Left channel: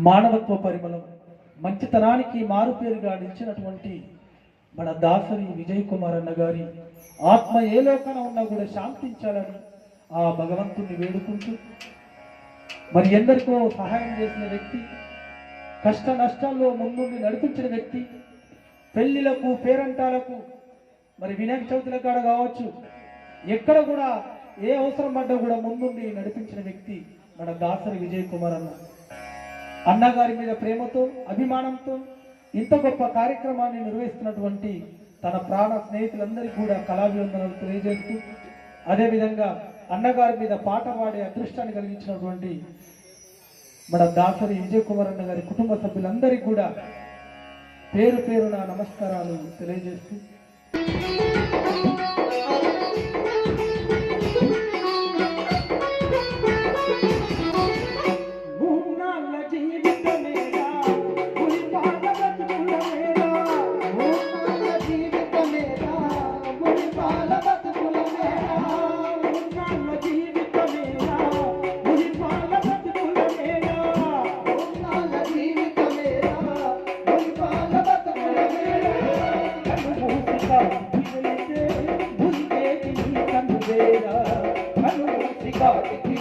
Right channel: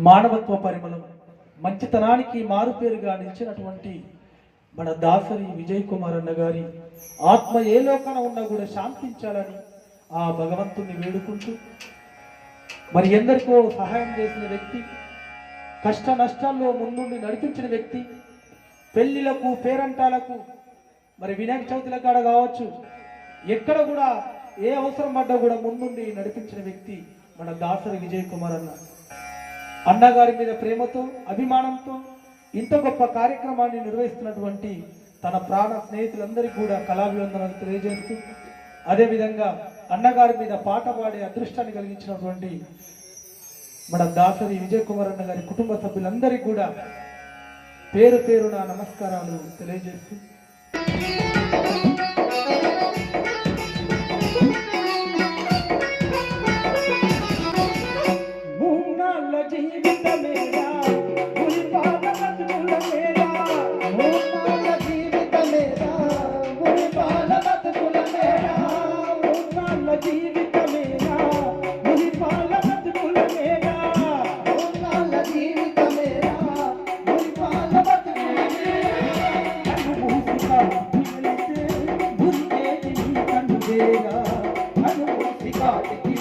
మానవత్వ పరిమళం మంచితనానికి మారుపేరుగా నిలిచినటువంటి మన దాసరి విజయ్ కుమార్ అన్న గారి ఆత్మ ఏ లోపల ఉన్నా కూడా శాంతించాలని ఆ భగవంతుణ్ణి వేడుకుంటూ మరి ఎందరికో సహాయం చేసిన వ్యక్తి కష్ట నష్టాల్లో ముందుండి నడిపించిన వ్యక్తి పెళ్ళిలకు పేరంటాలకు మరి వినాయక చవితుల కాడ కావచ్చు ఎక్కడ కూడా ఏ అవసరం పడ్డా కూడా ముందుండి నడిపించిన వ్యక్తి మన దాసరి విజయ్ కుమార్ అన్న. అన్నగారి మీద ప్రేమతో అభిమానంతో ఇంత గొప్ప కార్యక్రమాన్ని నిర్వహిస్తున్నటువంటి తన ప్రాణ స్నేహితులందరికీ కూడా కళాభివందనాలు తెలియజేస్తూ అదేవిధంగా అన్నగారి మీద పాట పాడే అదృష్టాన్ని కలిగించినటువంటి మన దాసరి విజయ్ కుమార్ అన్న గారి కుటుంబ సభ్యులందరికీ కూడా పేరు పేరున నమస్కారాలు తెలియజేస్తూ.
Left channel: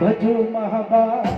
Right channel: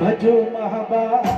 భజో మహాభారతం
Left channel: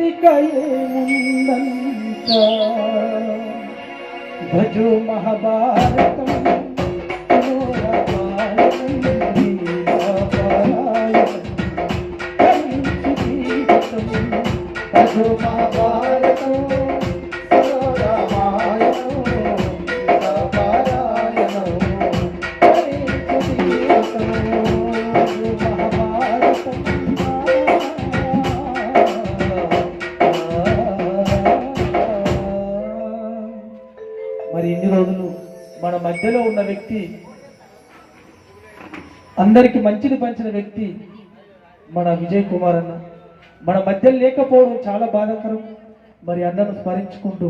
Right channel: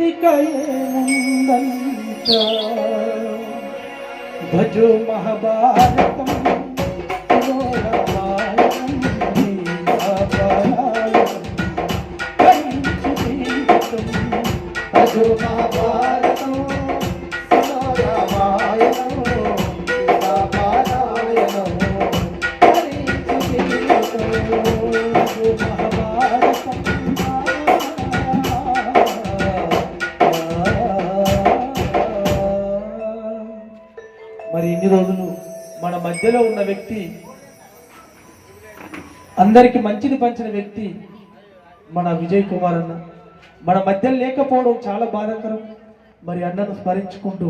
ఇంటికయేముందంట భజు మహాభారతం మహాభారతం Thank you. రోజులు మన మధ్యలో ఉన్న వ్యక్తి అందరికి మంచిది పంచిన వ్యక్తి మన విజయ్ కుమార్ అన్న. మన మధ్య లేకపోవడం చాలా బాధాకరం. మరి అన్నను స్మరించుకుంటూ